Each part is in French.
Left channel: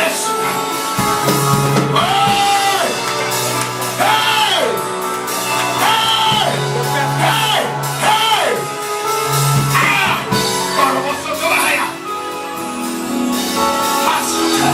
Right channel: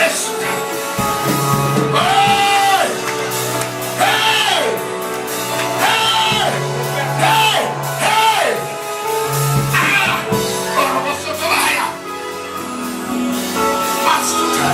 Yes. Hey! Hey! Hey! Hey! Hey! Ah! Ora posso trovare. Ascolta.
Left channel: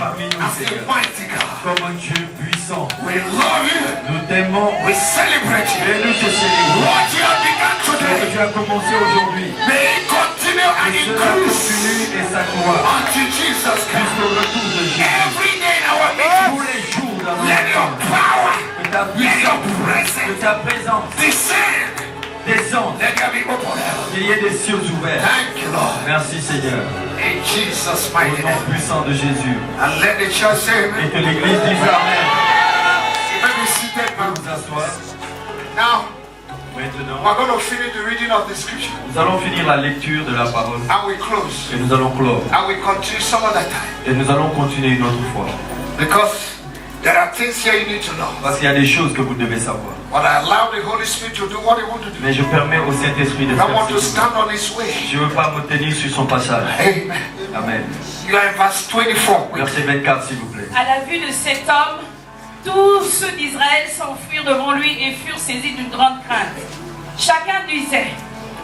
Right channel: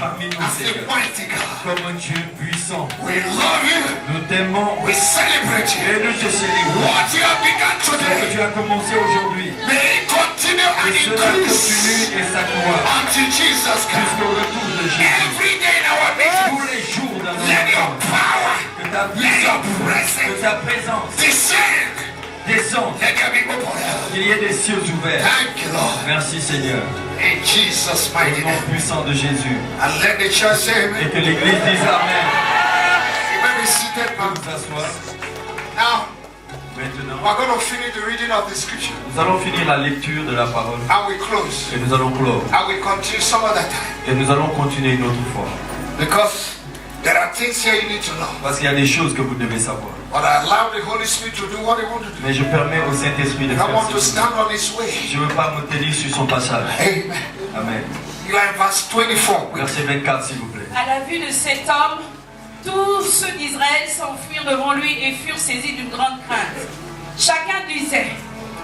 parmi nous, as Seigneur, a mighty God. comme un Dieu puissant. We love you. Nous t'aimons We celebrate et you. nous te célébrons. What you have begun Ce que today, tu as commencé aujourd'hui, may it continue and et cela increase continue et s'accroît until Jesus comes. jusqu'au retour de Jésus. Every day in our meeting, Tous les jours dans nos let your temps, power, que ta let your puissance, que presence ta présence descend. descende, Let there be open heaven. qu'il y ait des cieux ouverts. Thank you, Lord. Merci Seigneur, In Jesus' au mighty nom name. puissant de Jésus. And let the church say Et amen. que l'Église dise Amen. Let me seated now. Nous asseoir. Now, Maintenant, we're going to finish the reading of the scripture. nous allons finir la lecture de la parole And we close. et nous allons clore. And we continue some other time. Et nous allons continuer une autre fois. Because there are things here you need to know. Parce qu'il y a des choses que vous devez savoir. But I allow the Holy Spirit to do what He wants to do. Mais je permets au Saint-Esprit de I faire want to ce qu'il stand on His way. Je ne veux pas me tenir sur son passage. Amen. Amen. You are in verse 24. Verset 24, s'il vous plaît. À la vue de cet homme, tous ceux d'Israël s'enfuirent devant lui et furent saisis d'une grande crainte. Chacun disait,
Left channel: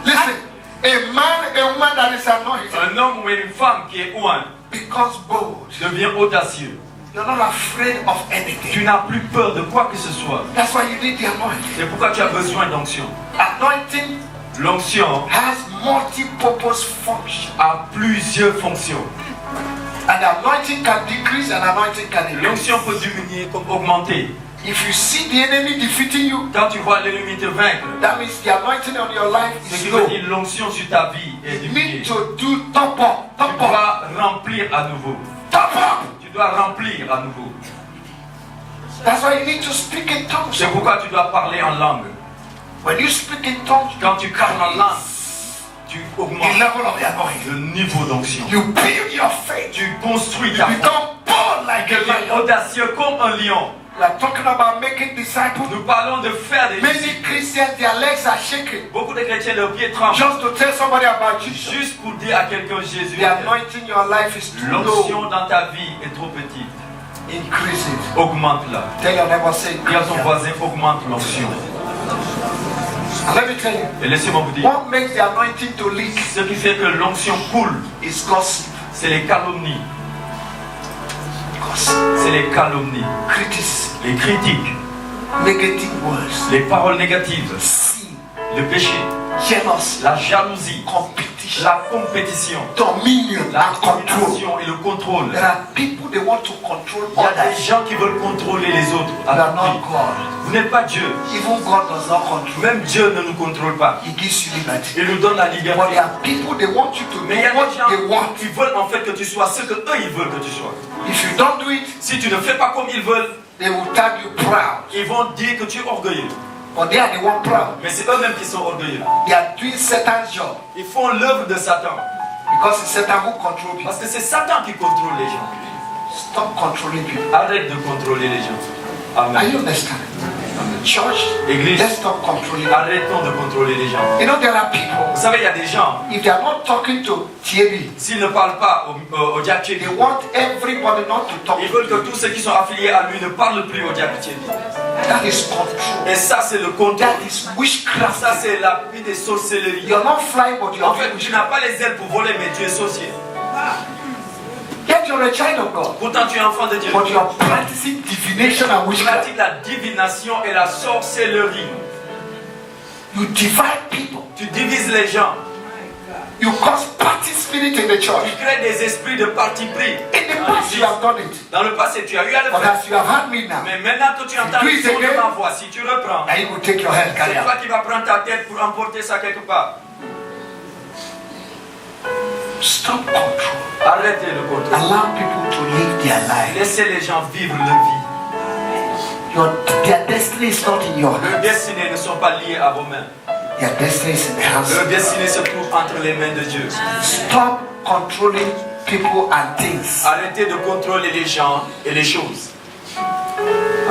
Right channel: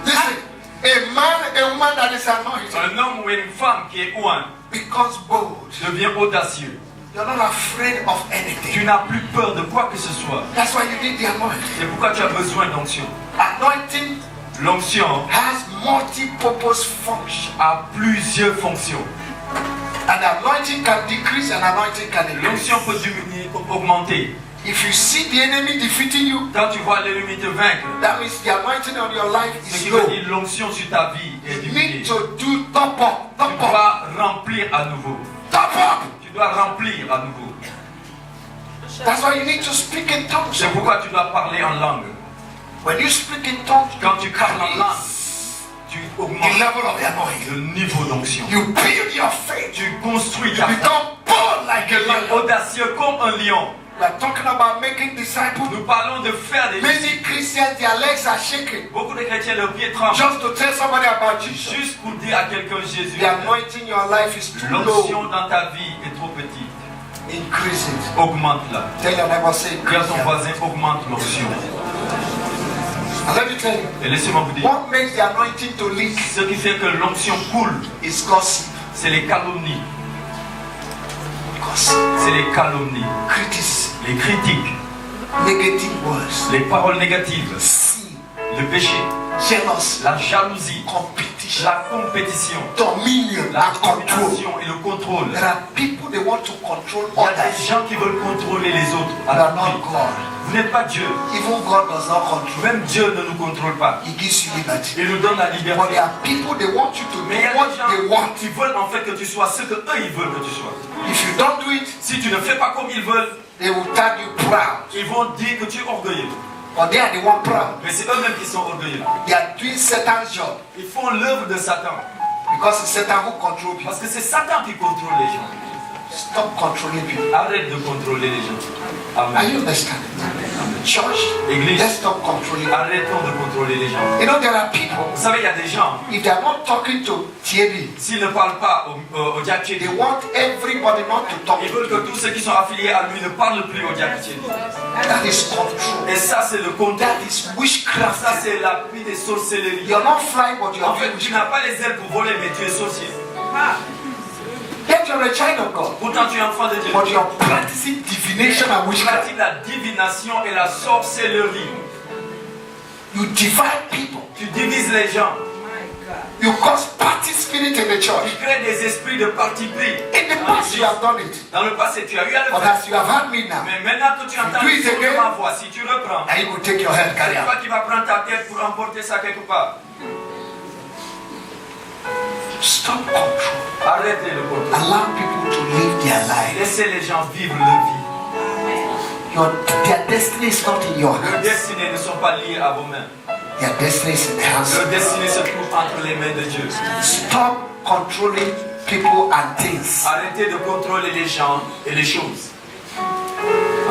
Listen, a man, a woman that is anointed Un homme ou une femme qui est oint becomes bold. devient audacieux. You're not afraid of Tu anything. n'as plus peur de quoi que ce soit. That's why you need the anointing. C'est pourquoi tu as besoin d'onction. Anointing L'onction has multi-purpose function. a plusieurs fonctions. And the anointing can decrease and anointing can increase. L'onction peut diminuer comme augmenter. If you see the enemy defeating you, Quand tu vois l'ennemi te vaincre, that means the anointing on your life ce is qui veut low. dire l'onction sur ta vie est You diminuée. need to do top up, Tu top up, dois remplir à nouveau. top up. Tu dois remplir à nouveau. That's why you need to speak in tongues. C'est pourquoi tu dois parler en langue. When you speak in tongues, Quand tu parles en langue, tu the augmentes level of the anointing. le niveau d'onction. You build your faith. Tu construis You ta foi. become bold like a lion. Audacieux comme un lion. We are talking about making disciples. Nous parlons de faire des disciples. Many Christians, their legs are shaking. Beaucoup de chrétiens, leurs pieds tremblent. Just to tell somebody about Jesus. Juste pour dire à quelqu'un Jésus, The anointing in your life is too l'onction low. dans ta vie est trop petite. Increase it. Augmente-la. Tell your neighbor, say Dis à increase ton it. voisin, augmente l'onction. And let me tell you, Et laissez-moi vous dire, what makes the anointing to leak ce qui fait que l'onction coule, is gossip. c'est les calomnies. Gossip. C'est les calomnies, Criticism. les critiques, Negative words. les paroles négatives, Sin. le péché, Jealousy. la jalousie, Competition. la compétition, Dominion la and control. domination et le contrôle. There are people they want to control Il y a des others. gens qui veulent contrôler les autres They are à tout not prix. God. Vous n'êtes pas Dieu. Even God does not control. Même Dieu ne nous contrôle pas. He gives you liberty. Il nous donne la But liberté. there are people they want you to Mais il y a do what des gens they want. qui veulent en fait que tu sois ce que eux ils veulent que tu sois. If you don't do it, Si tu ne fais pas comme ils veulent, they will tag you proud. ils vont dire que tu es orgueilleux. But they are the one proud. Mais c'est eux-mêmes qui sont orgueilleux. They are doing Satan's job Ils font l'œuvre de Satan. because it's Satan who controls people. Parce que c'est Satan qui contrôle les gens. Stop controlling people. Arrête de contrôler les gens. Are Amen. you understanding? Church, Église, let's stop controlling. arrêtons de contrôler les gens. You know, there are people, Vous savez, il y a des gens, if they are not talking to Thierry, s'ils ne parlent pas au Diakité, they want everybody not to talk ils to veulent you. que tous ceux qui sont affiliés à lui ne parlent plus au Diakité. That is control. Et ça, c'est le contrôle. That is witchcraft. Ça, c'est l'appui des sorcelleries. You're not flying, but you're En fait, doing tu n'as witchcraft. pas les ailes pour voler, mais tu es sorcier. Yet you're a child of God, Pourtant, tu es enfant de Dieu. but you're practicing divination and Tu witchcraft. pratiques la divination et la sorcellerie. You divide people. Tu divises les gens. You cause party spirit in the Tu church. crées des esprits de parti pris. In the past, you have done it. Dans le passé, tu as eu à le But faire. as you have had me now, Mais maintenant que tu entends Do le it son de again. ma voix, si tu reprends, and you will take your head, carry c'est out. toi qui vas prendre ta tête pour emporter ça quelque part. Stop control. Arrêtez le contrôle. Allow people to live their life. Laissez les gens vivre leur vie. Their destiny is not in your Leurs hands. destinées ne sont pas liées à vos mains. Their destiny is in the hands Leur of God. destinée se trouve entre les mains de Dieu. Stop controlling people and things. Arrêtez de contrôler les gens et les choses.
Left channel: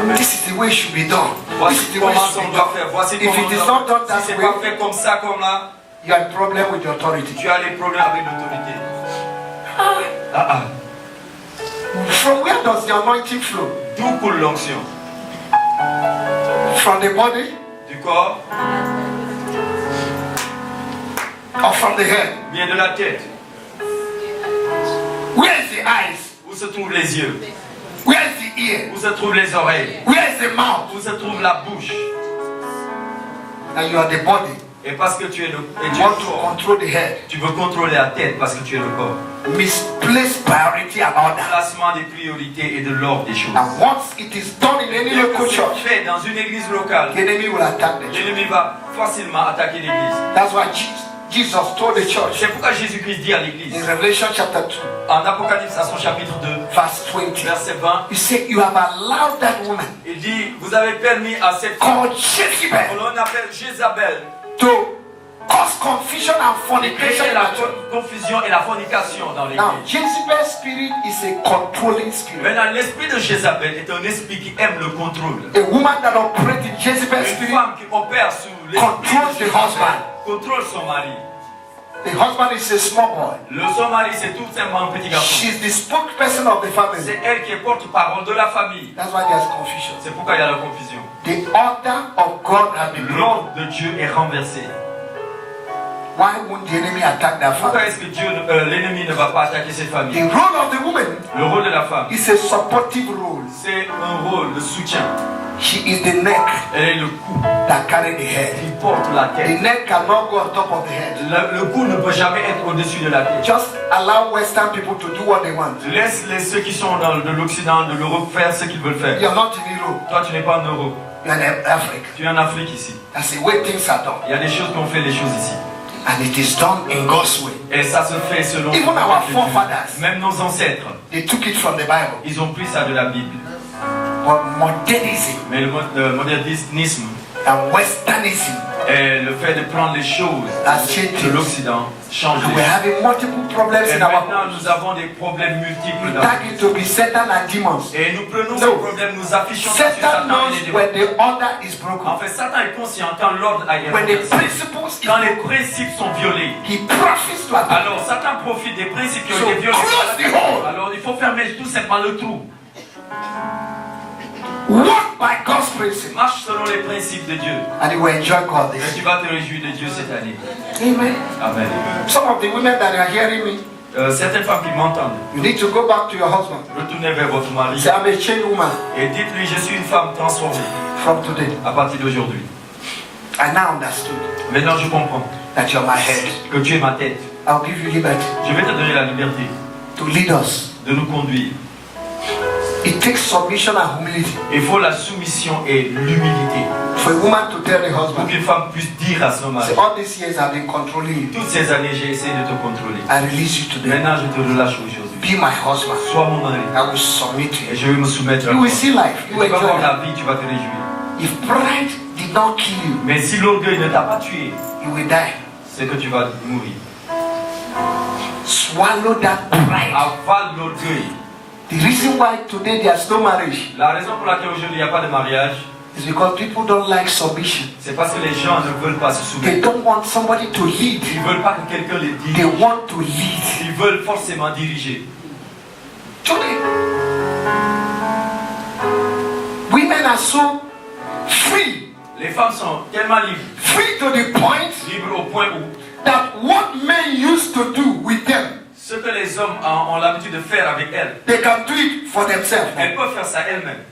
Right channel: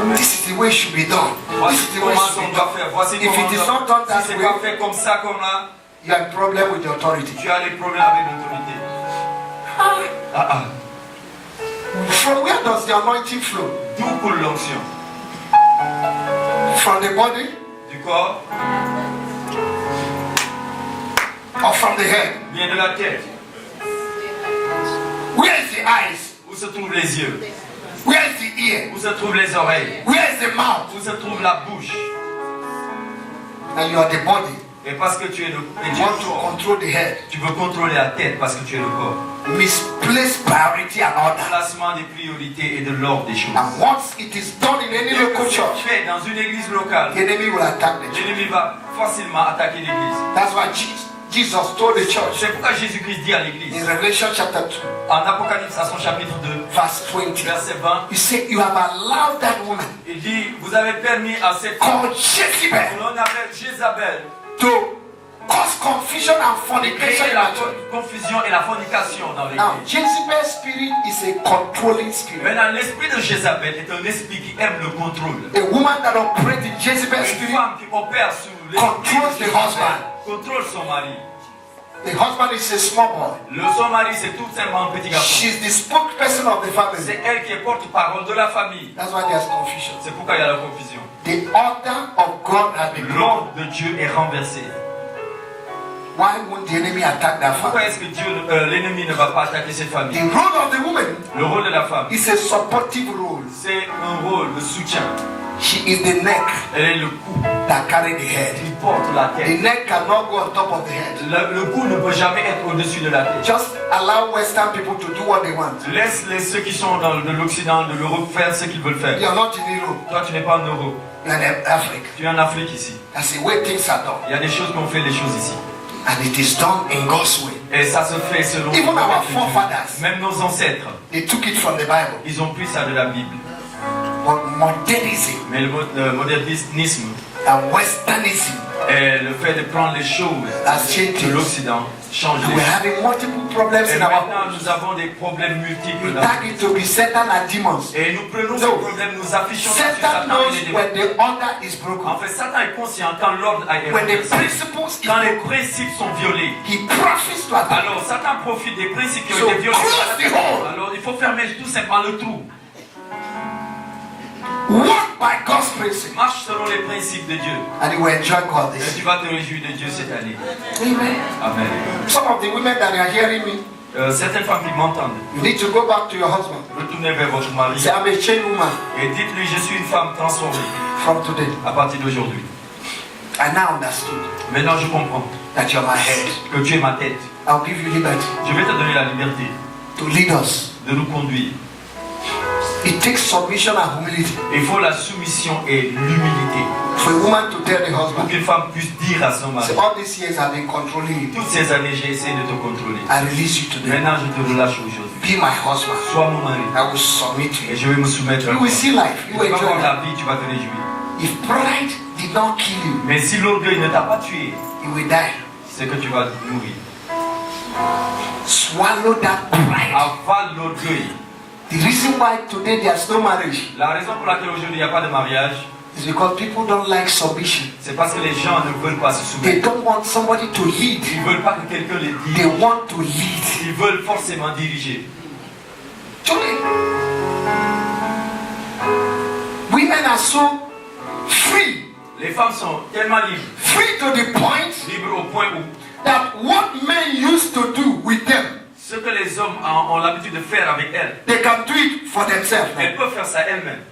Amen. This is the way it should be done. This Voici is the way comment it should on be doit done. faire. Voici If comment it is on not doit done faire. that Si c'est pas way, fait comme ça, comme là, you have a problem with the authority. tu as des problèmes avec l'autorité. Ah. From where does the anointing flow? D'où coule l'onction? From the body Du corps, or from the head? bien de la tête. Where is the eyes? Où Où se trouvent les yeux? Where is the ear? Où se trouvent les oreilles? Where is the mouth? Où se trouve la bouche? And you are the body. Et parce que tu es le You want to corps, control the head. tu veux contrôler la tête parce que tu es le corps. Misplaced priority and order. Placement des priorités et de l'ordre des choses. And once it is done in any Et local que c'est church, fait dans une église locale, the enemy will attack the church. l'ennemi va facilement attaquer l'église. That's why Jesus told the church C'est pourquoi Jésus-Christ dit à l'église, in Revelation chapter 2, en Apocalypse à son chapitre 2, verse 20, verset 20, he said, you have allowed that woman il dit, vous avez permis à cette femme, called Jezebel qu'on appelle Jézabel, to cause confusion and de fornication créer in la the church. confusion et la fornication dans Now, l'église. Jezebel's spirit is a controlling spirit. Maintenant, l'esprit de Jézabel est un esprit qui aime le contrôle. A woman that operates in Jezebel's Une spirit, femme qui opère sous l'esprit controls de the husband. contrôle son mari. The husband is a small boy. Son mari, c'est tout simplement un petit garçon. She's the spokesperson of the family. C'est elle qui est porte-parole de la famille. That's why there's confusion. C'est pourquoi il y a la confusion. The order of God has been broken. L'ordre de Dieu est renversé. Why won't the enemy attack that Pourquoi family? est-ce que l'ennemi ne va pas attaquer cette famille? The role of the woman Le rôle de la femme, is a supportive role. c'est un rôle de soutien. She is the neck Elle est le cou that carries the head. qui porte la The tête. neck cannot go on top of the head. Le cou ne peut jamais être au-dessus de la tête. Just allow Western people to do what they want. Laisse ceux qui sont de l'Occident, de l'Europe, faire ce qu'ils veulent faire. You are not in Europe. Toi, tu n'es pas en Europe. You are in Africa. Tu es en Afrique ici. That's the way things are done. Il y a des choses qu'on fait, des choses ici. And it is done in God's way. Et ça se fait selon Even le our plan de Dieu. forefathers, Même nos ancêtres, they took it from the Bible. ils ont pris ça de la Bible. But modernism Mais le modernisme and Westernism, et le fait de prendre les choses That's changed. de l'Occident change and les we're choses. having multiple problems Et in our maintenant, homes. nous avons des problèmes You multiples. dans- tag it to be Satan and demons. Et nous prenons ces No. problèmes, nous affichons ça sur Satan Satan et knows les démons. when the order is En broken. fait, Satan est conscient quand l'ordre a été When the renversé. principles is Quand les broken, principes sont violés, he profits to attack. alors Satan profite des principes qui So ont été violés. close the hole. Alors il faut fermer tout simplement le trou. Walk by God's principle. Marche selon les principes de Dieu. And you will enjoy God Et this. tu vas te réjouir de Dieu cette année. Amen. Amen. Some of the women that are hearing me, Certaines femmes qui m'entendent, you need to go back to your husband. retournez vers votre mari Say, I'm a chained woman et dites-lui, je suis une femme transformée from today. à partir d'aujourd'hui. I now understood Maintenant je comprends that you're my head. que tu es ma tête. I'll give you liberty Je vais te donner la liberté to lead us. de nous conduire. It takes submission and humility Il faut la soumission et l'humilité for a woman to tell the pour husband, qu'une femme puisse dire à son mari, say, all these years I've been controlling you. toutes ces années j'ai essayé de te contrôler. I release you today. Maintenant je te relâche aujourd'hui. Be my husband. Sois mon mari I will submit to et you. je vais me soumettre à You toi. will see life. Tu You vas will enjoy voir life. la vie, tu vas te réjouir. If pride did not kill you, Mais si l'orgueil ne t'a pas tué, you will die. c'est que tu vas mourir. Swallow that pride. Avale l'orgueil. The reason why today there's no marriage La raison pour laquelle aujourd'hui il n'y a pas de mariage, is because people don't like submission. c'est parce que les gens ne veulent pas se They soumettre. don't want somebody to lead. Ils ne veulent pas que quelqu'un les They dirige. want to lead. Ils veulent forcément diriger. Today, women are so free. Les femmes sont tellement libres. Free to the point Libres au point où that what men used to do with them, ce que les hommes ont l'habitude de faire avec elles, they can do it for themselves. elles peuvent faire ça elles-mêmes.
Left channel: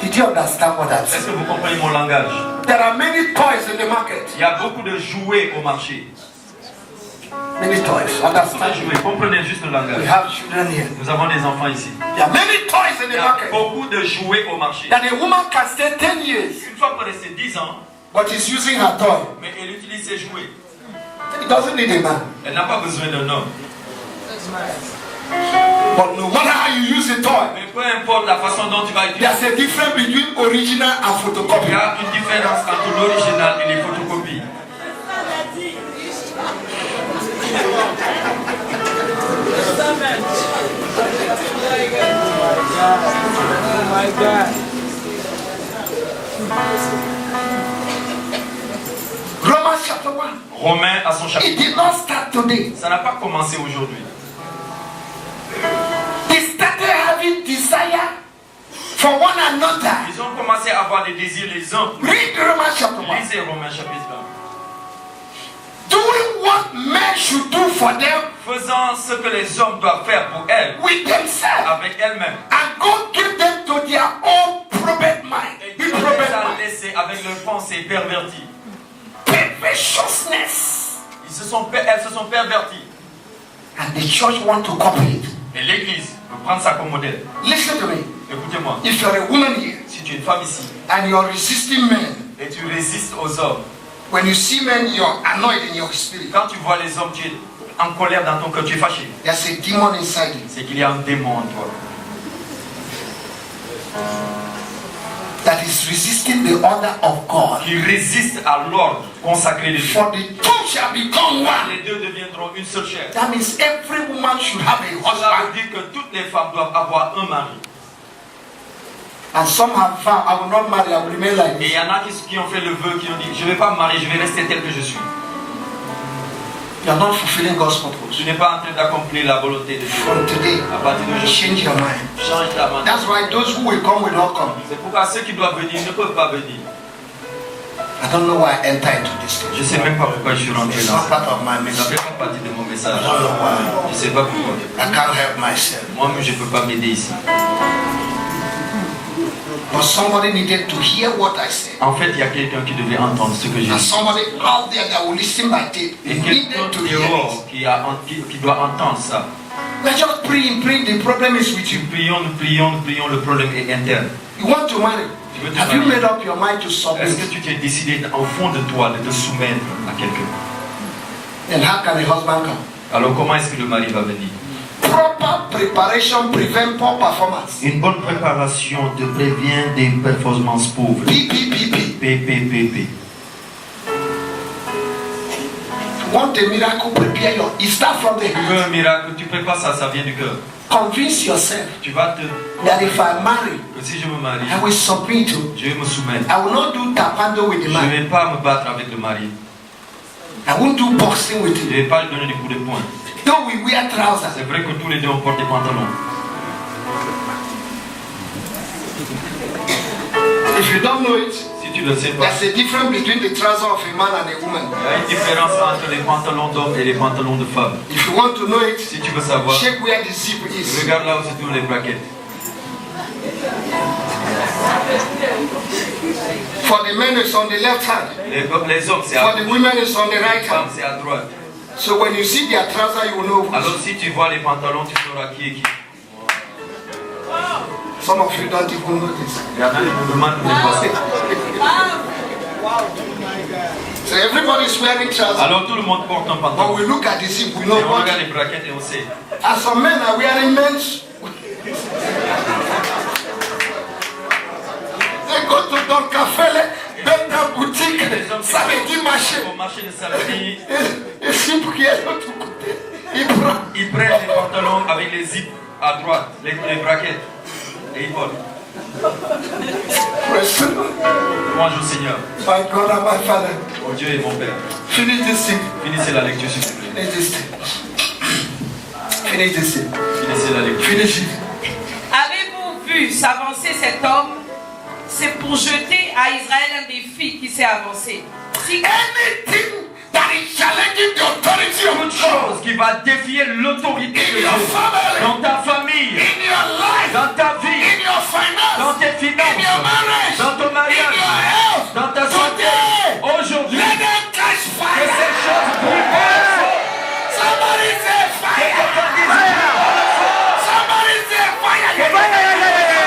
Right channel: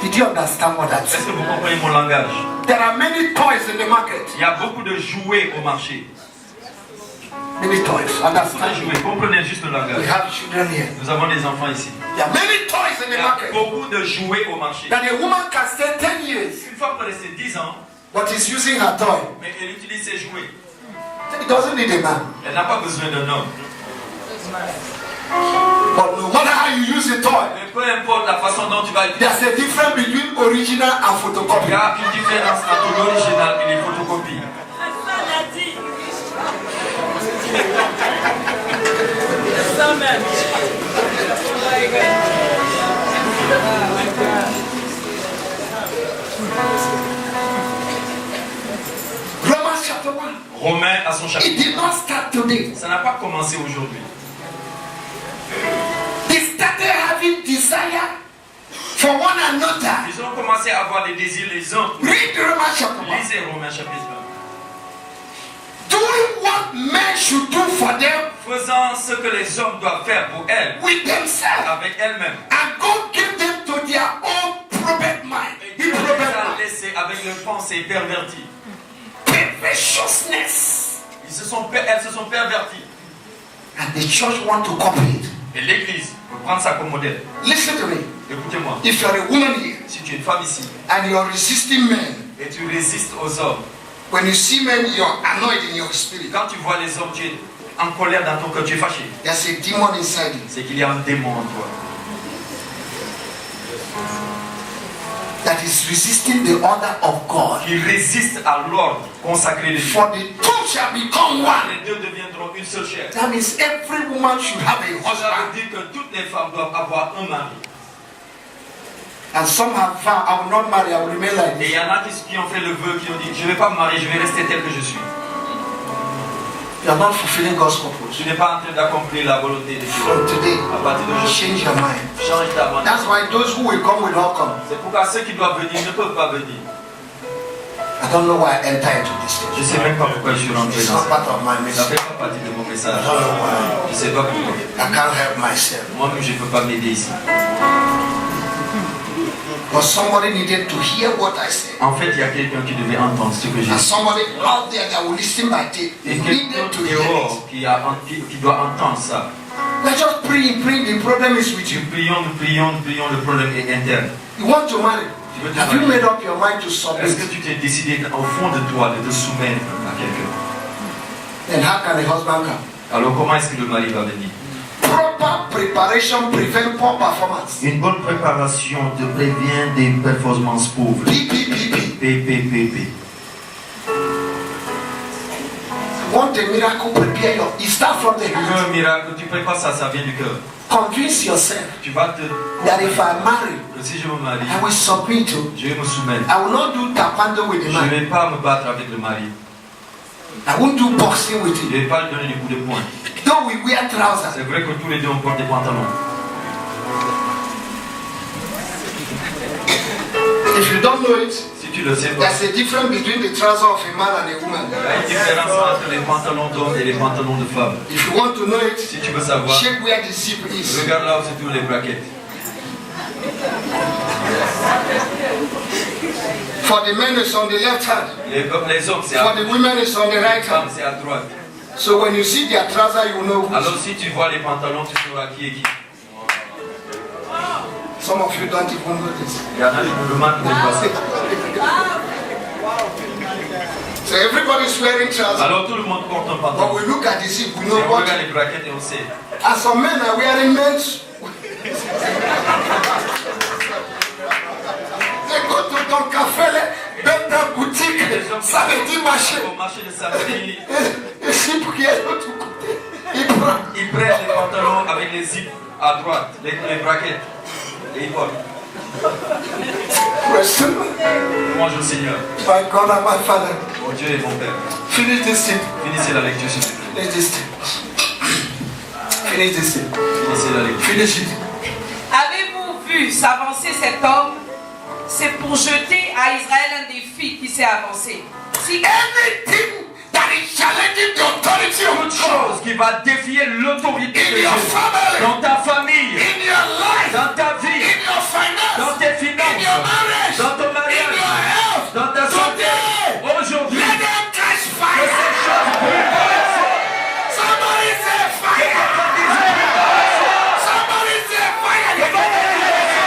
Did you understand what that Est-ce says? que vous comprenez mon langage? There are many toys in the market. Il y a beaucoup de jouets au marché. Many toys. Beaucoup de Understand? jouets. Comprenez juste le We langage. have children here. Nous avons des enfants ici. There are many toys in Il y the a market beaucoup de jouets au marché. that a woman can stay 10 years, Une fois pour rester 10 ans, but is using her toy. mais elle utilise ses jouets. It doesn't need a man. Elle n'a pas besoin d'un homme. But no matter how you use a toy, Mais peu importe la façon dont tu vas utiliser, there's a difference between original and il photocopy. y a une différence entre l'original et les photocopies. Romans chapter 1. Romains à son It chapitre. did not start today. Ça n'a pas commencé aujourd'hui. They started having desire for one another. Ils ont commencé à avoir des désirs les uns. Read Romans chapter 1. Lisez Romains chapitre 1. Doing what what men should do for them faisant ce que les hommes doivent faire pour elles, with themselves. avec elles-mêmes. And God gave them to their own probate mind. Et Dieu les a laissés avec leurs pensées perverties. Perversiousness. Elles se sont perverties. And the church want to copy it. Et l'Église veut prendre ça comme modèle. Listen to me. Écoutez-moi. If you're a woman here Si tu es une femme ici and you're resisting men, et tu résistes aux hommes, when you see men, you're annoyed in your spirit. quand tu vois les hommes, tu es en colère dans ton cœur, tu es fâché. There's a demon inside you C'est qu'il y a un démon en toi that is resisting the order of God. qui résiste à l'ordre consacré de Dieu. For the two shall become one. Les deux deviendront une seule chair. That means every woman should have a Ça husband. veut dire que toutes les femmes doivent avoir un mari. And some have vowed, I will not marry, I will remain like Et il this. y en a qui ont fait le vœu, qui ont dit, je ne vais pas me marier, je vais rester tel que je suis. You are not fulfilling God's purpose. Tu n'es pas en train d'accomplir la volonté de Dieu. From today, À partir d'aujourd'hui, change your mind. change ta manière. That's why those who will come will not come. C'est pourquoi ceux qui doivent venir ne peuvent pas venir. I don't know why I enter into this Je ne stage. sais même pas pourquoi je suis rentré It's dans not ça. part of my Ça ne mission. fait pas partie de mon message. I don't know why. Je ne sais pas pourquoi. I can't help myself. Moi-même, je ne peux pas m'aider ici. But somebody needed to hear what I said. En fait, il y a quelqu'un qui devait entendre ce que j'ai And dit. somebody out there that will listen my tape. Et They quelqu'un needed to hear it. dehors qui doit entendre ça. Let's just pray, the problem is with you. Nous prions, le problème est interne. You want to marry. Tu veux te Have you marier? made up your mind to Est-ce que submit? tu t'es décidé au fond de toi de te soumettre à quelqu'un? Then how can the husband come? Alors comment est-ce que le mari va venir? Proper preparation prevent poor performance. Une bonne préparation te prévient des performances pauvres. PPPP. PPPP. Want a miracle? Prepare your. It starts from the Tu veux heart. un miracle, tu prépares ça, ça vient du cœur. Convince yourself Tu vas te that if I marry, que si je me marie, I will submit to. je vais me soumettre. I will not do tapando with the Je ne man. vais pas me battre avec le mari. I won't do boxing with Je ne him. vais pas lui donner des coups de poing. Though we wear trousers. C'est vrai que tous les deux on porte des pantalons. If you don't know it, Si tu le sais pas, there's a difference between the trouser of a man and a woman. il y a une différence entre les pantalons d'hommes et les pantalons de femmes. If you want to know it, Si tu veux savoir, check where the zip is. regarde là où se trouvent les braquettes. For the men, it's on the left hand. Les hommes, c'est à For the gauche. women, it's on the Les right femmes, hand. c'est à droite. So when you see their trouser, you know who's. Alors si tu vois les pantalons, tu sauras qui est qui. Some of you don't even know this. Il y en a qui nous demandent de passer. So everybody's wearing trousers. Alors tout le monde porte un But pantalon. we look at the zip, we Et know on what. regarde les braquettes et on sait. And some men are wearing men's. They go to Don Café, dans boutique, samedi marché. Au marché de samedi, Et zip qui est de l'autre côté. Il prend. ils prennent les pantalons avec les zips à droite, les braquettes. Et ils portent. Question. Louange au Seigneur. My God and my Father. Mon Dieu et mon Père. Finish this thing. Finissez la lecture, s'il vous plaît. Finish this thing. Finish this thing. Finissez la lecture. Finish it. Avez-vous vu s'avancer cet homme? C'est pour jeter à Israël un défi qui s'est avancé. Si Anything that is challenging the authority of Toute God chose qui va défier l'autorité de in Dieu your family, dans ta famille, in your life, dans ta vie, in your dans finance, tes in your finances, marriage, dans ton in mariage, your health, dans ta santé. today, Aujourd'hui, let them catch que fire. ces choses brûlent. Somebody say fire. Somebody say fire.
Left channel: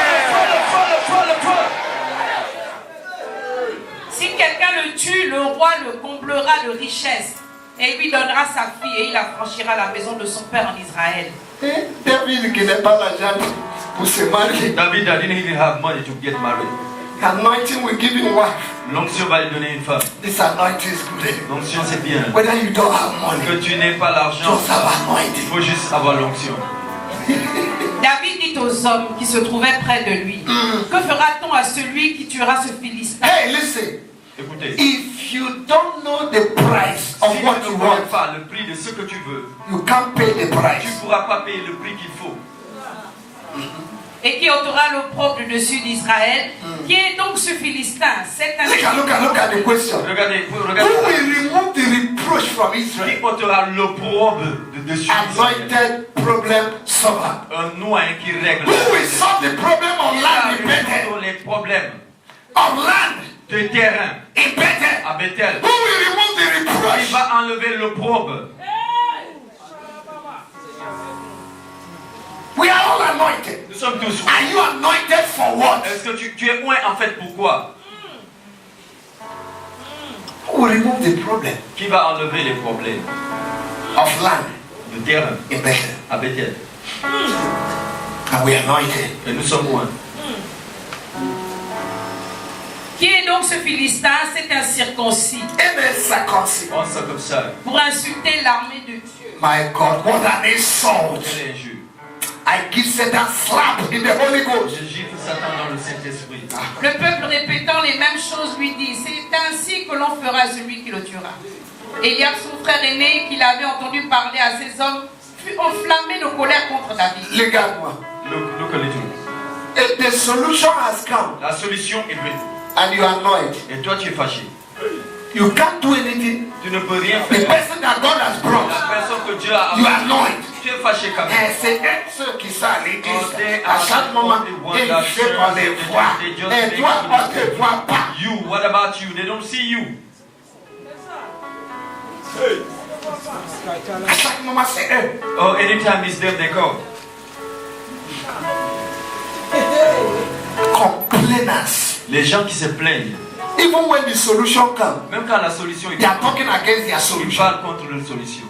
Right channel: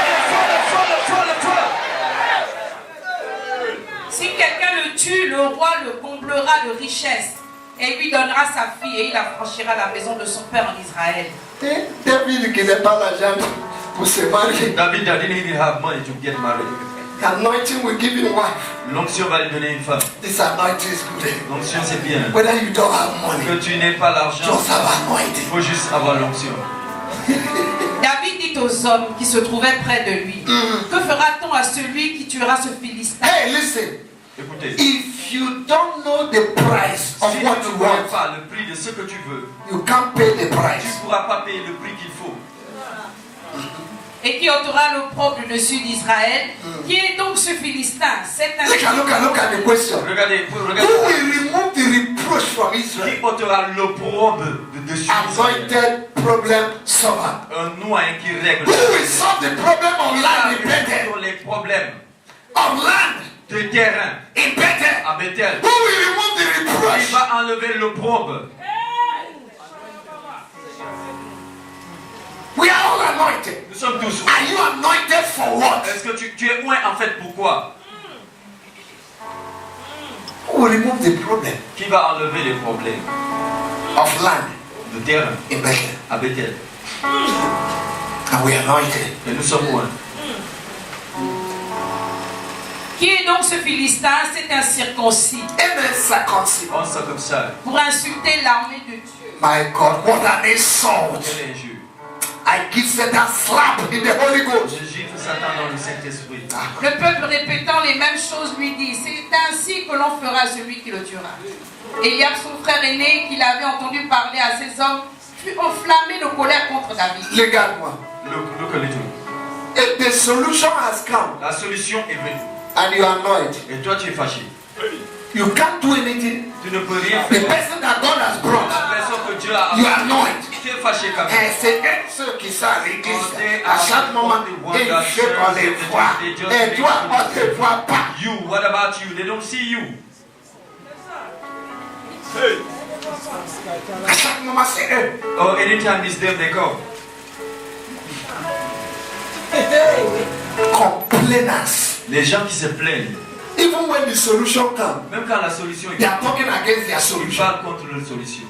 Si quelqu'un le tue, le roi le comblera de richesses et lui donnera sa fille et il affranchira la maison de son père en Israël. David qui n'est pas l'argent pour se marier. David didn't even have money to get married. Anointing will give him wife. L'onction va lui donner une femme. This anointing is good. L'onction c'est bien. Whether you don't have money, Que tu n'aies pas l'argent, just have il anointing. faut juste avoir l'onction. David dit aux hommes qui se trouvaient près de lui, que fera-t-on à celui qui tuera ce Philistin? Hey, listen. Écoutez, If you don't know the price of si tu what ne you connais want, pas le prix de ce que tu veux, you can't pay the tu ne price. pourras pas payer le prix qu'il faut. Et qui ôtera l'opprobre du dessus d'Israël? Qui est donc ce Philistin? C'est un... Look at the question. Regardez, Who regardez. will remove the reproach from Qui Israel? portera l'opprobre de dessus d'Israël? Anointed problem solver. Un noyau qui règle Who will solve the problem of land in Bethel? sur les problèmes Of land de terrain in Bethel? à Bethel. Who will remove the Il reproach? va enlever l'opprobre. We are all anointed. Nous sommes tous. Are you anointed for what? Est-ce que tu es oint en fait pourquoi? Who will remove the problem Qui va enlever les problèmes of land de terrain in Bethel? à Bethel? And we are anointed. Et nous sommes oints. Qui est donc ce Philistin? C'est un circoncis Amen. Circumcision. On sent comme ça. pour insulter l'armée de Dieu. My God, what an insult. Quel injure. I give Satan slap in the Holy Ghost. Je gifle Satan dans le Saint-Esprit. Le peuple répétant les mêmes choses lui dit: c'est ainsi que l'on fera celui qui le tuera. Eliab, son frère aîné, qui l'avait entendu parler à ces hommes, fut enflammé de colère contre David. Regarde-moi. Look at it. The solution has come La solution est venue. and you are annoyed. Et toi tu es fâché. You can't do anything. Tu ne peux rien The faire. person that God has brought, La personne que Dieu a you are annoyed. tu es fâché quand même. Et c'est ceux qui s'arrêtent à chaque moment. Et ceux qu'on les voit. Et toi, on ne te voit pas. You, what about you? They don't see you. À chaque moment, c'est eux. Oh, anytime it's them, they come. Complainers. Les gens qui se plaignent, Even when the solution comes, même quand la solution est they are talking against their ils solution. parlent contre la solution.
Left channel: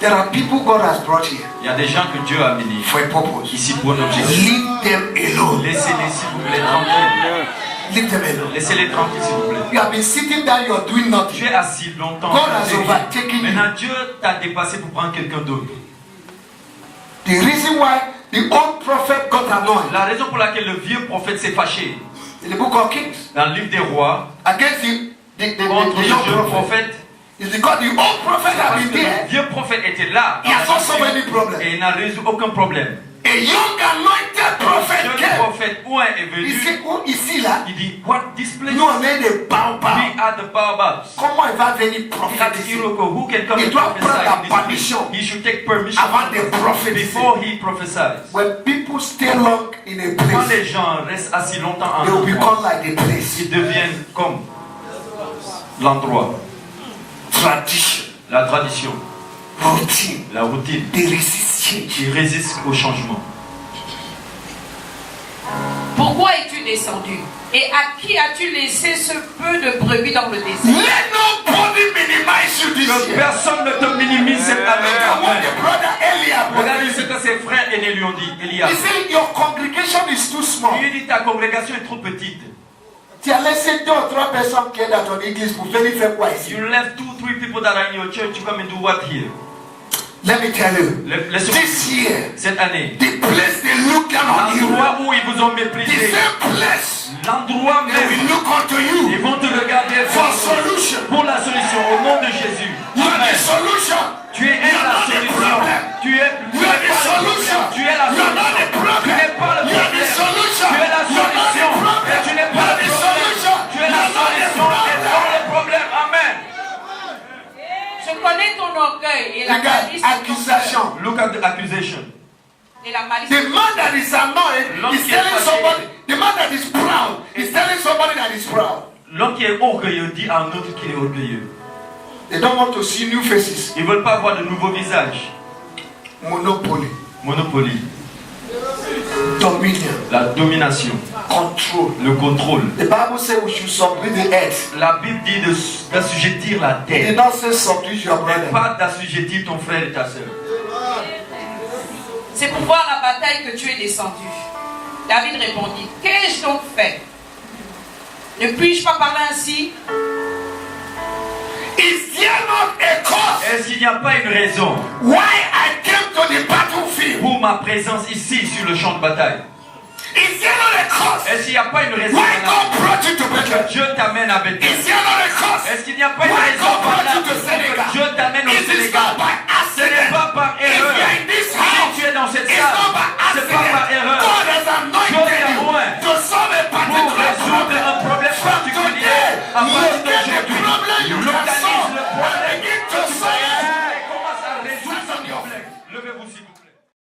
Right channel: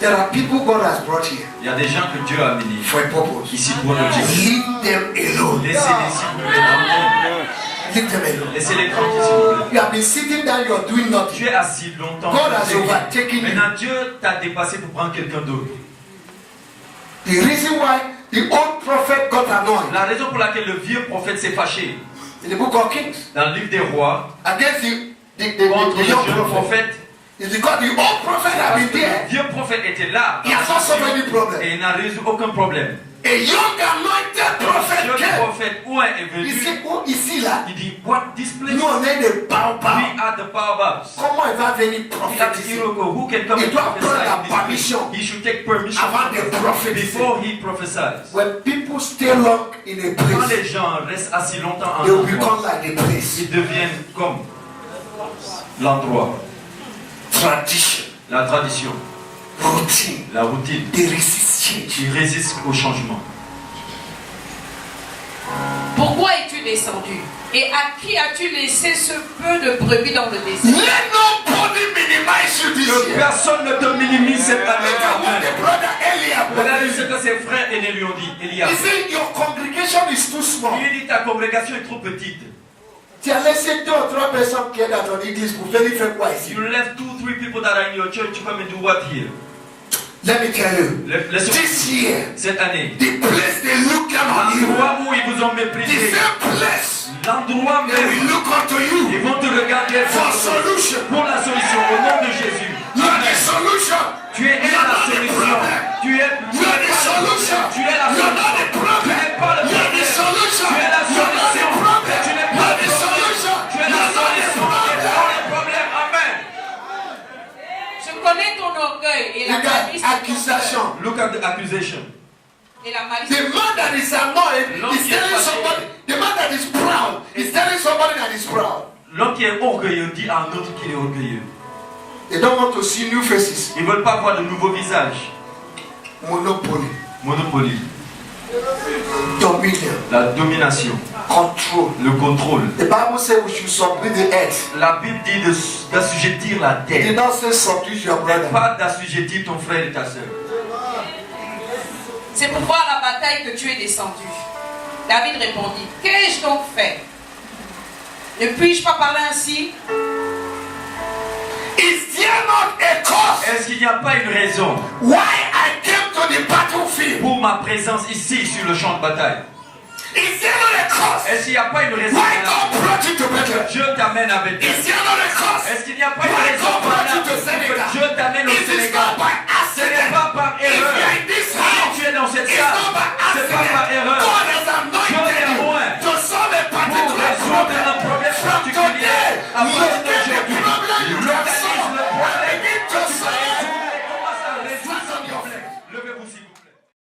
There are people God has brought here Il y a des gens que Dieu a amenés for a purpose. ici pour un objectif. Leave them alone. Laissez-les s'il vous plaît tranquilles. Leave them alone. Laissez-les tranquilles s'il vous plaît. You have been sitting down, you are doing nothing. Tu es assis longtemps. God has overtaken you. Maintenant Dieu t'a dépassé pour prendre quelqu'un d'autre. The reason why the old prophet got annoyed La raison pour laquelle le vieux prophète s'est fâché in the book of Kings dans le livre des rois against contre the le young jeune prophet prophète, is because the old prophet had parce been que there. le vieux prophète était là He has solved so many problems. et il n'a résolu aucun problème. A young anointed Le prophet jeune came. prophète oint est Il venu. dit, oh, ici là, Il dit, what this place? nous on est des baobabs. We are the baobabs. Comment il va venir Il a dit, prophétiser Iroko, who can come Il and doit prendre la prophesy in permission this place? He should take permission avant de prophétiser. before he prophesies. When people stay long in a Quand place, les gens restent assis longtemps en they will endroit, become like the place. ils deviennent comme l'endroit, Tradition, la tradition, routine, la routine. they resist change. Ils résistent au changement. Pourquoi es-tu descendu? Et à qui as-tu laissé ce peu de brebis dans le désert? Let nobody minimize you this Que year. personne ne te minimise cette Look at what année. the brother Eliab was Regardez ce saying. que ses frères aînés lui ont dit. Eliab, He said, your congregation is too small. il dit ta congrégation est trop petite. Tu as laissé 2 ou 3 personnes qui aident à ton église pour venir faire quoi ici? You left 2-3 people that are in your church to come and do what here? Let me tell you, Laissez-moi this year, cette année. the place they look down on you, L'endroit où ils vous ont the méprisé. same place L'endroit they will même. look unto you Ils vont te regarder for solution. pour la solution au nom de Jésus. You are the solution. Tu es la solution. Tu es You are the solution. Tu es la You are not the solution. Tu problem. n'es pas le You are the problème. solution. Tu es la You are not the solution. problem. Et tu n'es You pas are le the problème. solution. Tu es You la are not the solution et problem. non le problème. Amen. Je connais ton orgueil et la Regarde, malice de ton accusation. cœur. Look at the accusation. Et la malice The de ton man that is annoyed L'homme is qui est telling fâché. somebody, the man that is proud is telling somebody that is proud. L'homme qui est orgueilleux dit à un autre qui est orgueilleux. They don't want to see new faces. Ils ne veulent pas voir de nouveaux visages. Monopoly, Monopoly, dominion, la domination, control. le contrôle. The Bible says we should subdue the earth. La Bible dit d'assujettir la It did terre. not say subdue your brother. Pas d'assujettir ton frère et ta soeur. C'est pour voir la bataille que tu es descendu. David répondit: qu'ai-je donc fait? Ne puis-je pas parler ainsi? Is there not a cause Est-ce qu'il n'y a pas une raison why I came to the battlefield? pour ma présence ici sur le champ de bataille? Is there not a cause Est-ce qu'il n'y a pas une raison why God brought you to Bethel? Dieu t'amène à Bethel? Is there not a cause Est-ce qu'il n'y a pas une why raison God brought you to pour que Senegal? Dieu t'amène au It is Sénégal? not by Ce n'est accident. pas par If you are erreur.